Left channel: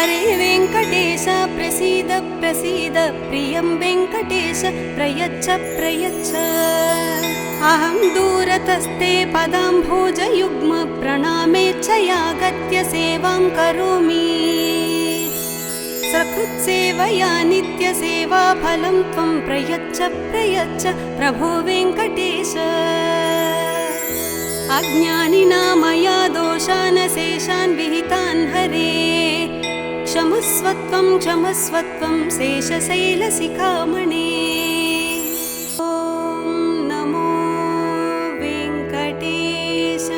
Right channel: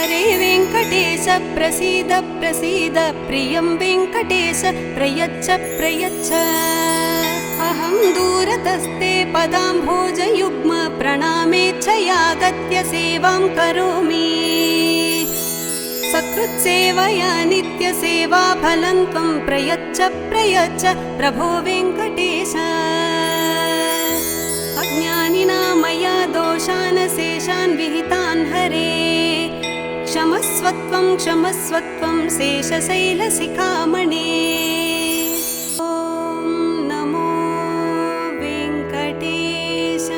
हरे वेङ्कटेश प्रसीद प्रसीद प्रियं वेङ्कटेश प्रयच्छ प्रयच्छ अहं दूरतस्ते पदाम्भोजयुग्म प्रणामेच्छयागत्य सेवां करोमि सकृत्सेवया नित्यसेवा फलं त्वं प्रयच्छ प्रयच्छ प्रभो वेङ्कटेश अज्ञानिना मया दोषान् शेषान् विहितान् हरे क्षमस्वत्वं क्षमस्वत्वं शेषशैलशिखामणे ॐ नमो वेङ्कटेशाय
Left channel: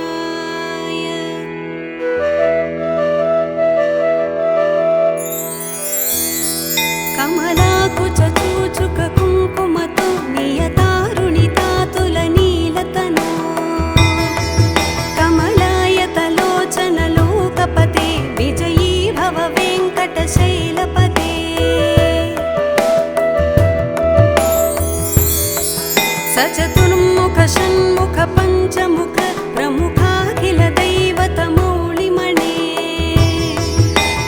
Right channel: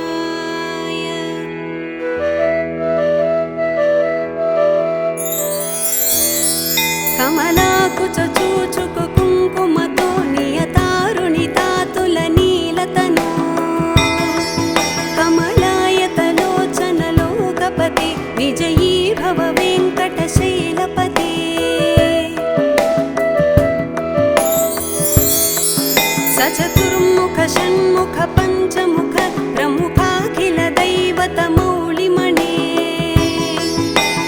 कमलाकुचूचुक कुङ्कुमतो नियतारुणितातुलनीलतनु कमलायतलोचनलोकपदे विजयी भव वेङ्कटशैलपते सचतुर्मुख षण्मुख पञ्चमुख प्रमुखाखिल दैवतमूलिमणे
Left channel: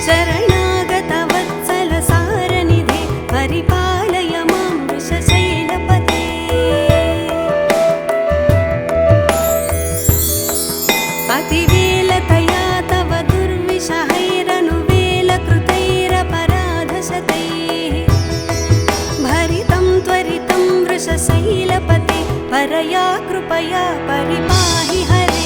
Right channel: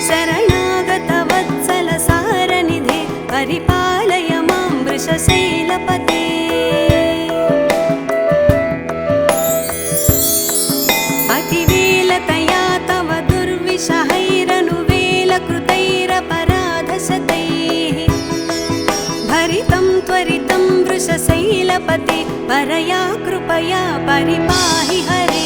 शरणागत वत्सल सारनिधे परिपालय मां वृषशैलपते अतिवेलतया तव दुर्विषहैरनुवेलकृतैरपराधशतैः भरितं त्वरितं वृषशैलपते परया कृपया परिपाहि हरे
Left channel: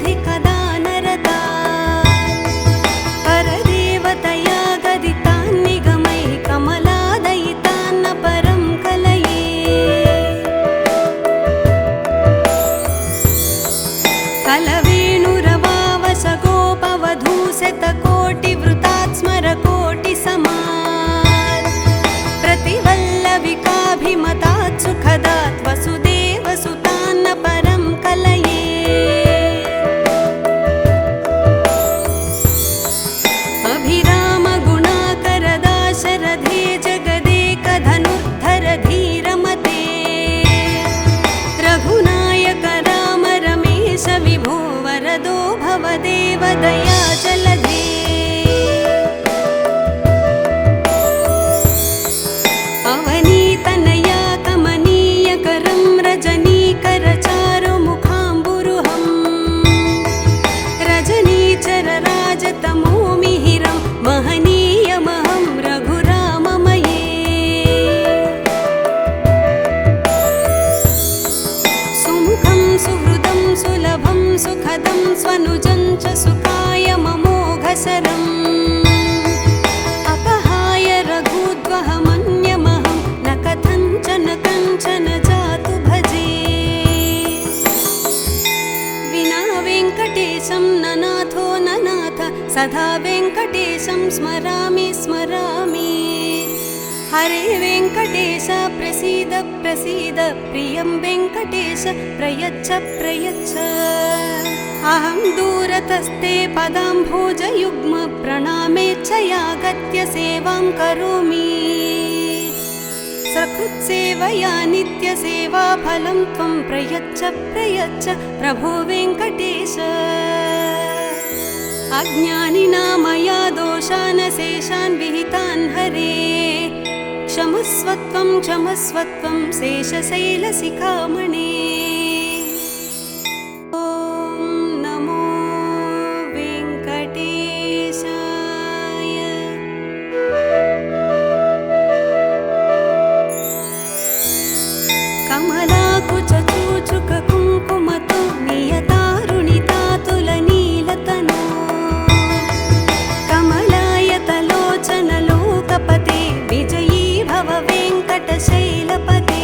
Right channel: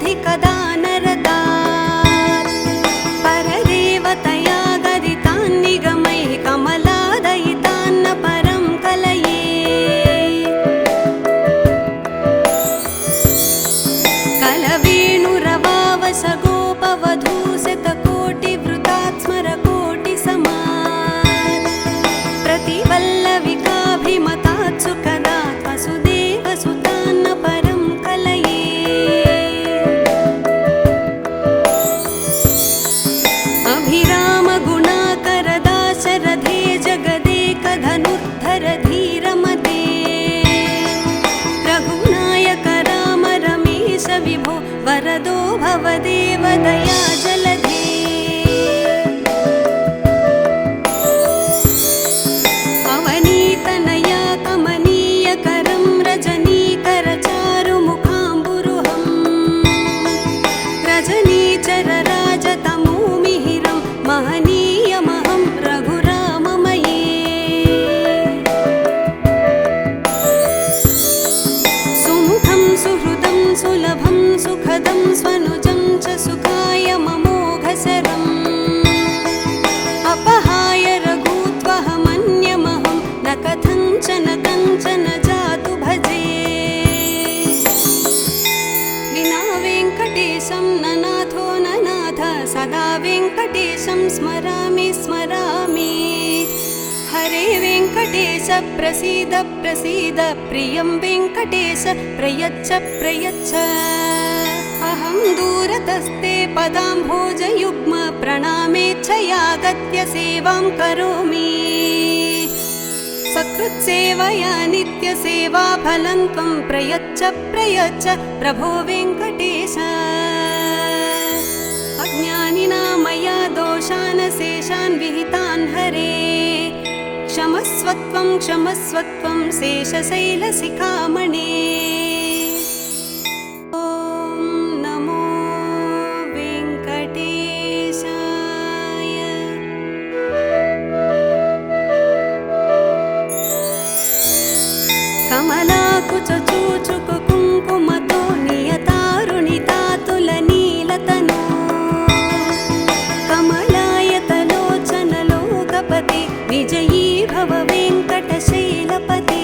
अधिवेङ्कटशैलमुदारमतेर्जनताभिमताधिकदानरता परदेवतया गदितान्निगमैः कमलादयितान्न परं कलये कलवेणुरवावसगोपवधूशतकोटिवृतात् स्मरकोटिसमात् प्रतिवल्लविकाभिमतात् सुखदात् वसुदेवसुतान्न परं कलये अभिरामगुणाकरदाशरथे जगदेकधनुद्धर धीरमते रघुनायक राम रमेश विभो वरदो भवदेव दया जलधे अवनीतनया कमनीयकरं रजनीकरचारुमुखाम्बुरुहं रजनीचरराजतमोमिहिरं महनीयमहं रघुराममये सुमुखं सुहृदं सुलभं सुखदं स्वनुजं च सुखाय ममोघसरम् अपहाय रघुत्वहमन्यमहं न कथञ्चन कञ्चन जातु भजे विना वेङ्कटेशं न नाथो न नाथ सदा वेङ्कटेशं स्मरामि स्मरामि हरे वेङ्कटेश प्रसीद प्रसीद प्रियं वेङ्कटेश प्रयच्छ प्रयच्छ अहं दूरतस्ते पदाम्भोजयुग्म प्रणामेच्छयागत्य सेवां करोमि सकृत्सेवया नित्यसेवा फलं त्वं प्रयच्छ प्रयच्छ प्रभो वेङ्कटेश अज्ञानिना मया दोषान् शेषान् विहितान् हरे क्षमस्वत्वं क्षमस्वत्वं शेषशैलशिखामणे ॐ नमो वेङ्कटेशाय कमलाकुचूचुक कुङ्कुमतो नियतारुणितातुलनीलतनु कमलायतलोचनलोकपदे विजयी भव वेङ्कटशैलपते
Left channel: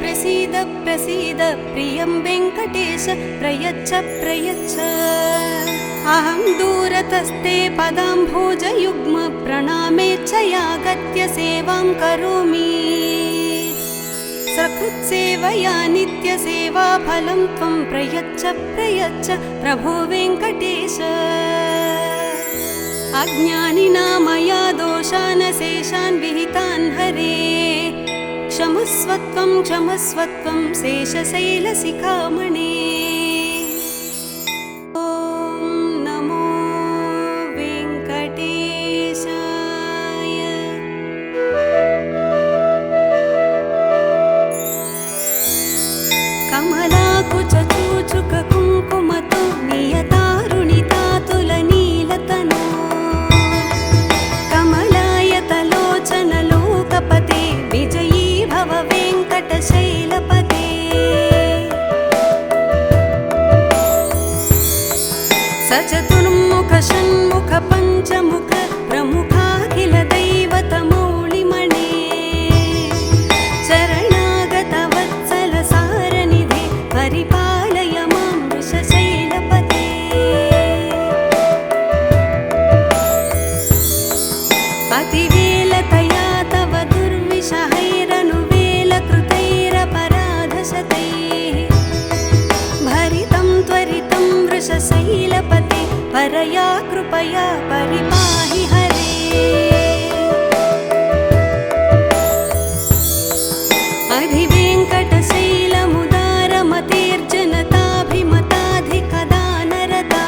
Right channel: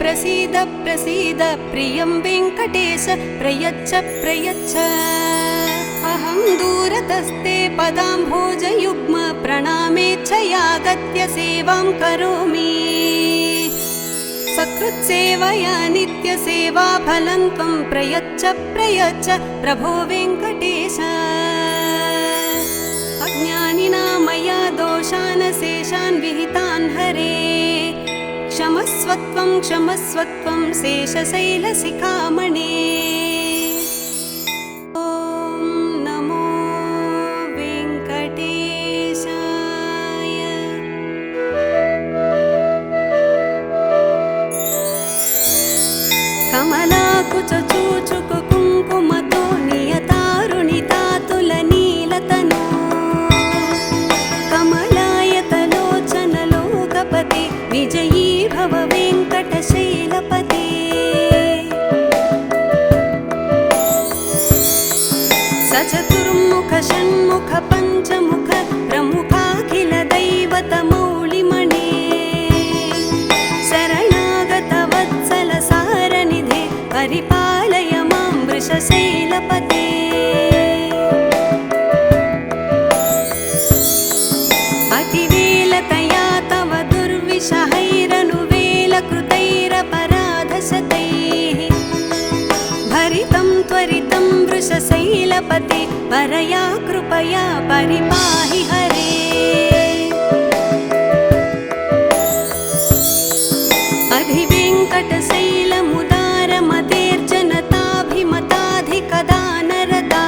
प्रसीद प्रसीद प्रियं वेङ्कटेश प्रयच्छ प्रयच्छ अहं दूरतस्ते पदाम्भोजयुग्म प्रणामेच्छयागत्य सेवां करोमि सकृत्सेवया नित्यसेवाफलं त्वं प्रयच्छ प्रयच्छ प्रभो वेङ्कटेश अज्ञानिना मया दोषान् शेषान् विहितान् हरे क्षमस्वत्वं क्षमस्वत्वं शेषशैलशिखामणे ॐ नमो वेङ्कटेशाय कमलाकुचूचुककुङ्कुमतो नियतारुणितातुलनीलतनो कमलायतलोचनलोकपदे विजयी भव वेङ्कटशैलपते सचतुर्मुख षण्मुख पञ्चमुख प्रमुखाखिल दैवतमूलिमणे शरणागत वत्सल सारनिधे परिपालय मां वृषशैलपते अतिवेलतया तव दुर्विषहैरनुवेलकृतैरपराधशतैः भरितं त्वरितं वृषशैलपते परया कृपया परिपाहि हरे अधिवेङ्कटशैलमुदारमतेर्जनताभिमताधिकदानरता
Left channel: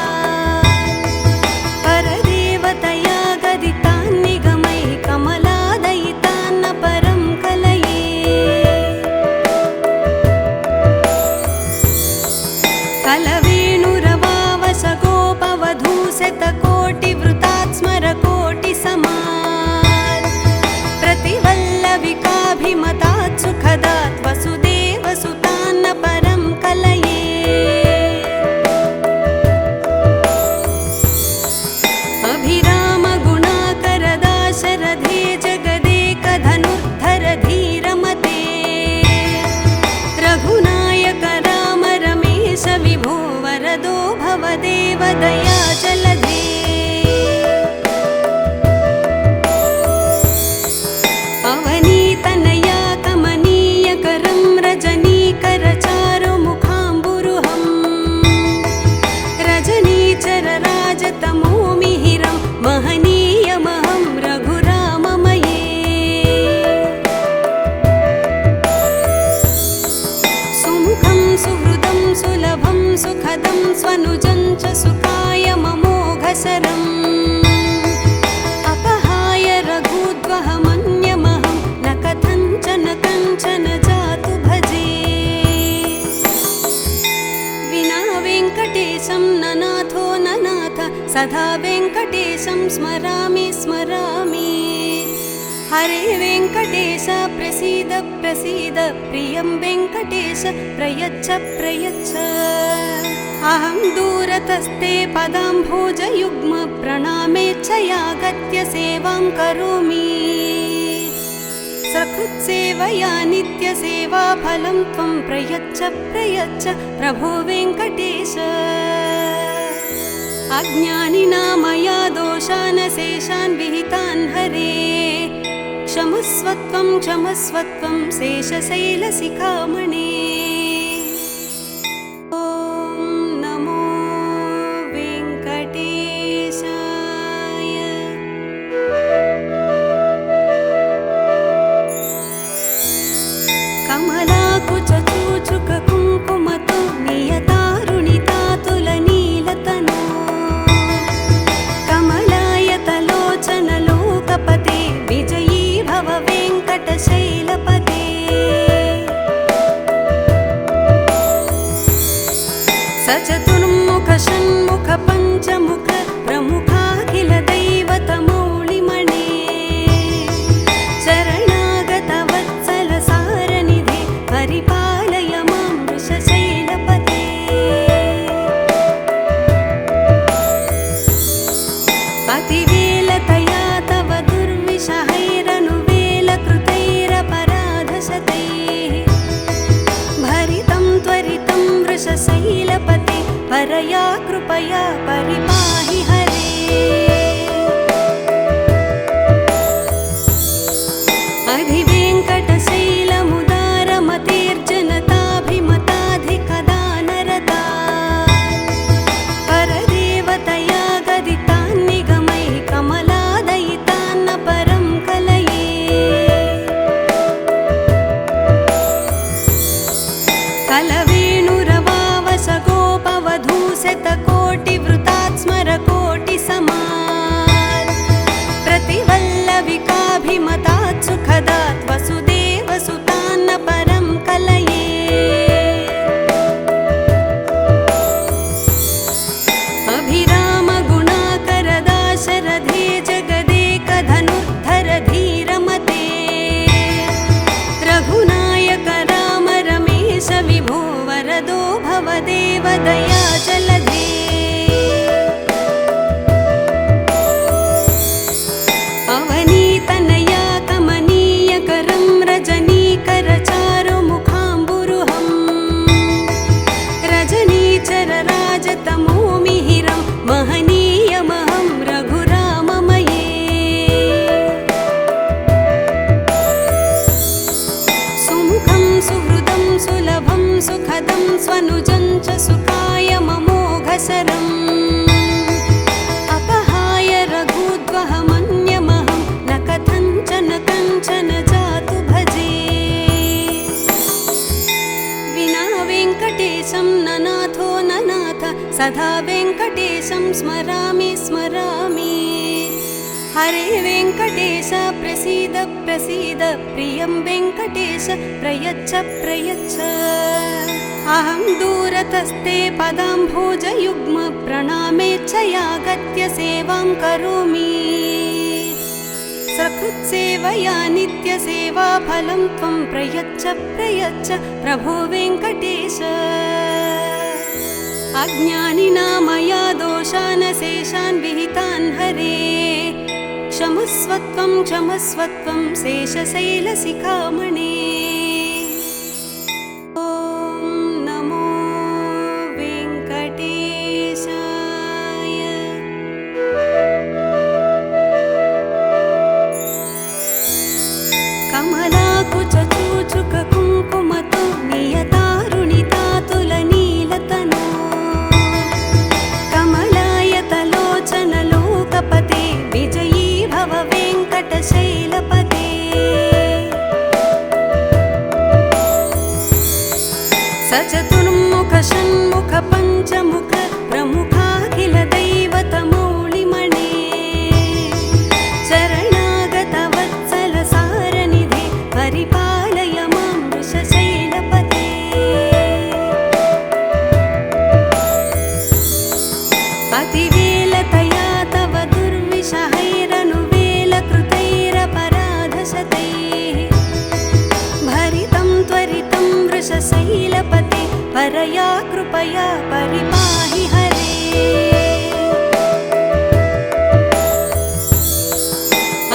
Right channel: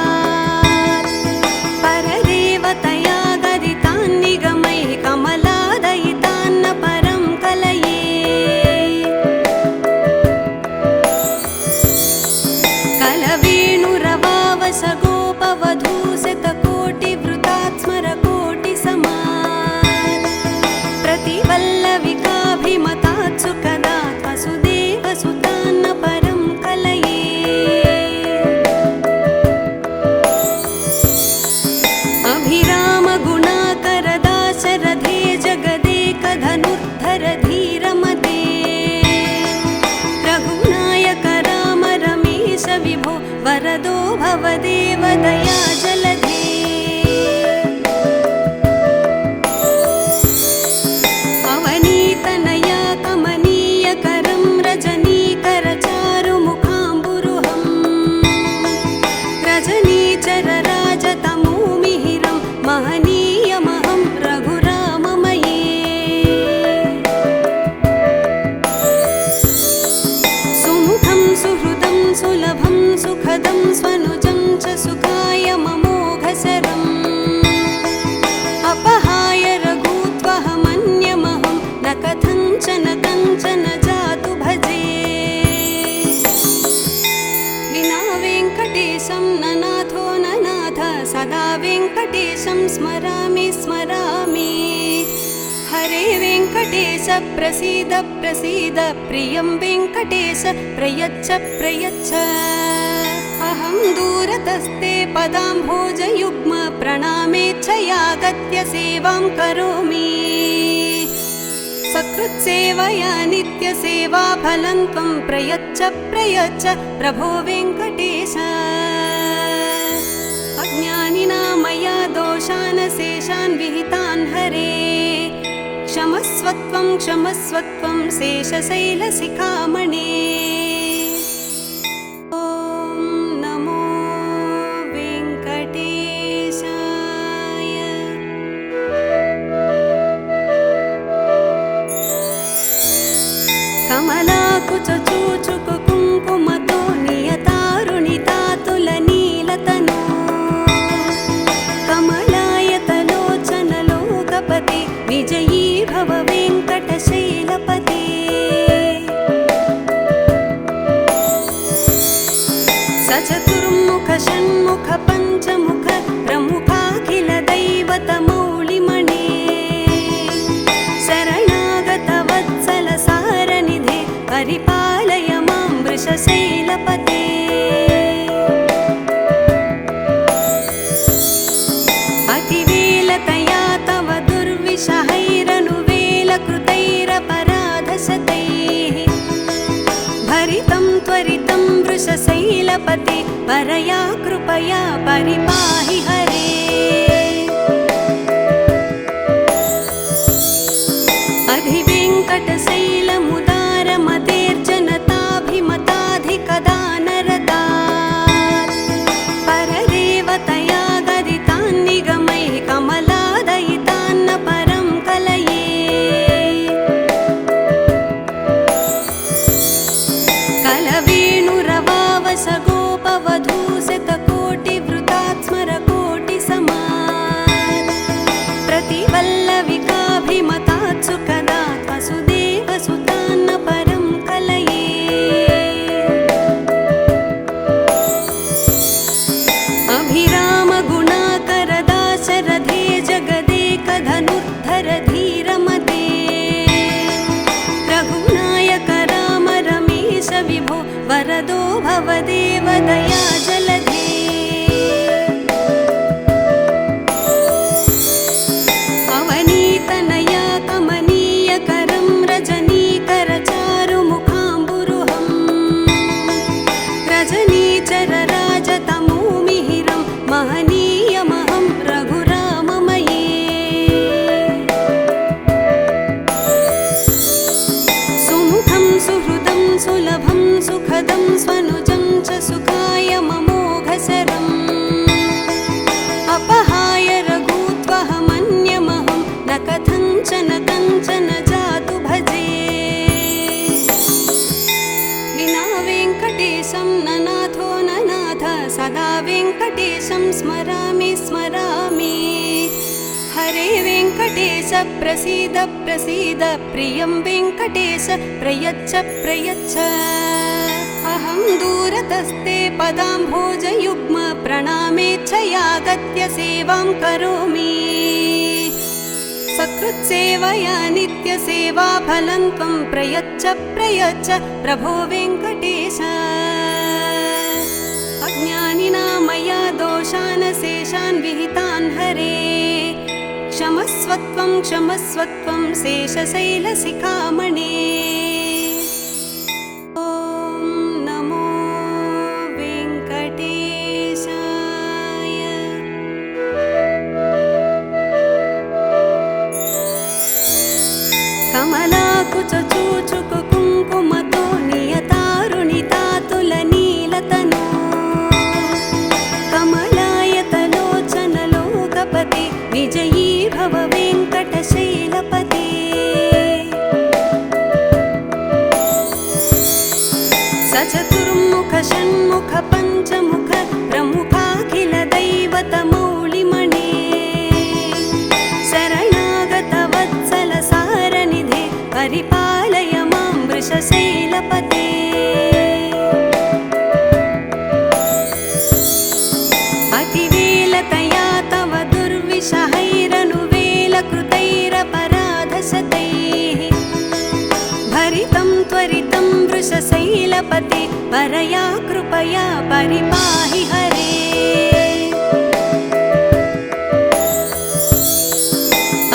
परदेवतया गदितान् निगमैः कमलादयितान्न परं कलये कलवेणुरवावसगोपवधूशतकोटिवृतात् स्मरकोटिसमात् प्रतिवल्लविकाभिमतात् सुखदात् वसुदेवसुतान्न परं कलये अभिरामगुणाकरदाशरथे जगदेकधनुद्धर धीरमते रघुनायक राम रमेश विभो वरदो भवदेव दया जलधे अवनीतनया कमनीयकरं रजनीकरचारुमुखाम्बुरुहं रजनीचरराजतमोमिहिरं महनीयमहं रघुराममये सुमुखं सुहृदं सुलभं सुखदं स्वनुजं च सुखाय ममोघसरम् अपहाय रघूत्वहमन्यमहं न कथञ्चन कञ्चन जातु भजे विना वेङ्कटेशं न नाथो न नाथ सदा वेङ्कटेशं स्मरामि स्मरामि हरे वेङ्कटेश प्रसीद प्रसीद प्रियं वेङ्कटेश प्रयच्छ प्रयच्छ अहं दूरतस्ते पदाम्भोजयुग्म प्रणामेच्छयागत्य सेवां करोमि सकृत्सेवया नित्यसेवाफलं त्वं प्रयच्छ प्रयच्छ प्रभो वेङ्कटेश अज्ञानिना मया दोषान् शेषान् विहितान् हरे क्षमस्वत्वं क्षमस्वत्वं शेषशैलशिखामणे ॐ नमो वेङ्कटेशाय कमलाकुचूचुककुङ्कुमतो नियतारुणितातुलनीलतनो कमलायतलोचनलोकपदे विजयी भव वेङ्कटशैलपते वेङ्कटेशं ननाथो ननाथ सदा वेङ्कटेशं स्मरामि स्मरामि। हरे वेङ्कटेश प्रसीद प्रसीद प्रियं वेङ्कटेश प्रयच्छ प्रयच्छ। अहं दूरतस्ते पदाम्भोजयुग्म प्रणामेच्छयागत्य सेवां करोमि। सकृत्सेवया नित्यसेवा फलं त्वं प्रयच्छ प्रयच्छ प्रभो वेङ्कटेश। अज्ञानिना मया दोषान् शेषान् विहितान् हरे क्षमस्वत्वं क्षमस्वत्वं शेषशैलशिखामणे। ॐ नमो वेङ्कटेशाय। कमलाकुचूचुककुङ्कुमतो नियतारुणितातुलनीलतनो कमलायतलोचनलोकपदे विजयी भव वेङ्कटशैलपते। सचतुर्मुख षण्मुख पञ्चमुख प्रमुखाखिल दैवतमूलिमणे शरणागत वत्सल सारनिधे परिपालय मां वृषशैलपते। अतिवेलतया तव दुर्विषहैरनुवेलकृतैरपराधशतैः भरितं त्वरितं वृषशैलपते परया कृपया परिपाहि हरे।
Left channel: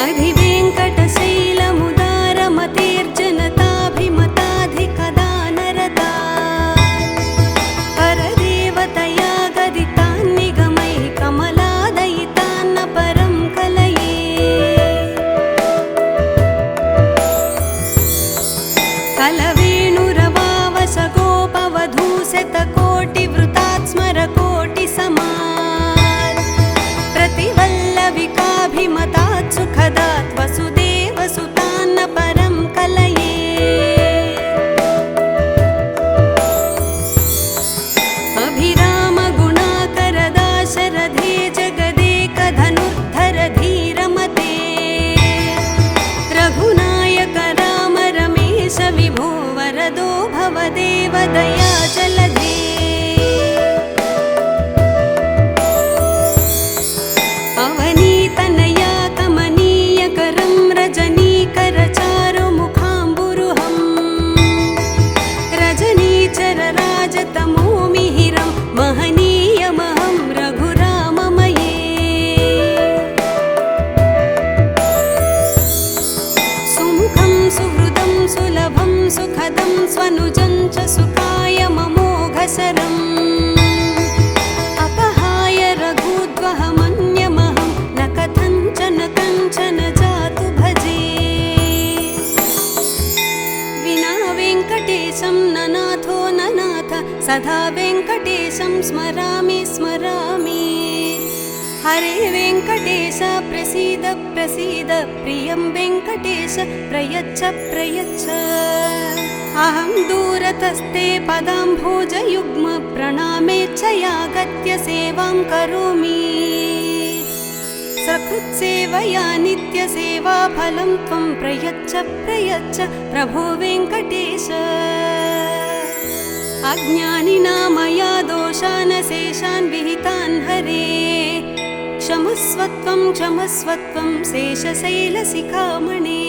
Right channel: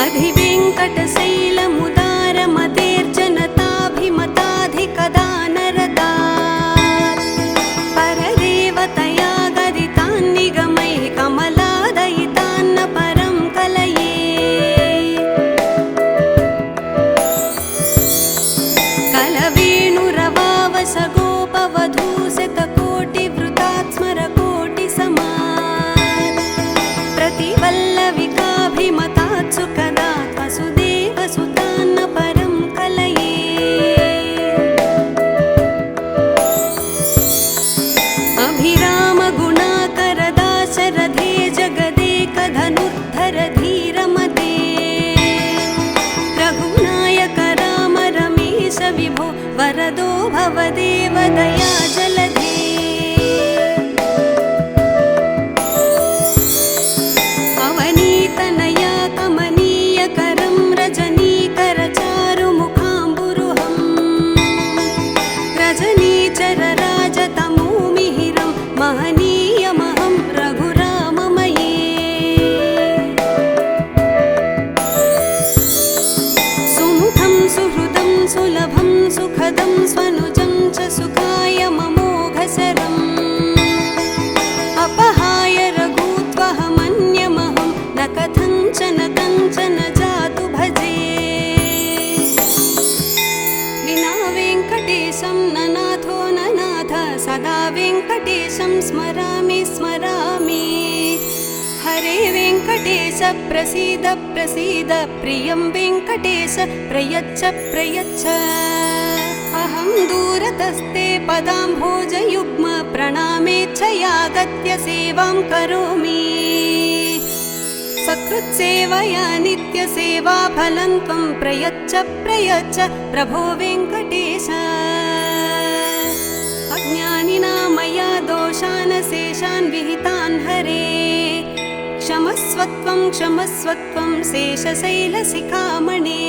अधिवेङ्कटशैलमुदारमतेर्जनताभिमताधिकदानरता परदेवतया गदितान् निगमैः कमलादयितान्न परं कलये। कलवेणुरवावसगोपवधूशतकोटिवृतात् स्मरकोटिसमात् प्रतिवल्लविकाभिमतात् सुखदात् वसुदेवसुतान्न परं कलये। अभिरामगुणाकरदाशरथे जगदेकधनुद्धर धीरमते रघुनायक राम रमेश विभो वरदो भवदेव दयाजलधे। अवनीतनया कमनीयकरं रजनीकरचारुमुखाम्बुरुहं रजनीचरराजतमोमिहिरं महनीयमहं रघुराममये। सुमुखं सुहृदं सुलभं सुखदं स्वनुजं च सुखाय ममोघशरम् अपहाय रघूत्वहमन्यमहं न कथञ्चन कञ्चन जातु भजे। विना वेङ्कटेशं ननाथो ननाथ सदा वेङ्कटेशं स्मरामि स्मरामि। हरे वेङ्कटेश प्रसीद प्रसीद प्रियं वेङ्कटेश प्रयच्छ प्रयच्छ। अहं दूरतस्ते पदाम्भोजयुग्म प्रणामेच्छयागत्य सेवां करोमि। सकृत्सेवया नित्यसेवा फलं त्वं प्रयच्छ प्रयच्छ प्रभो वेङ्कटेश। अज्ञानिना मया दोषान् शेषान् विहितान् हरे क्षमस्वत्वं क्षमस्वत्वं शेषशैलशिखामणे।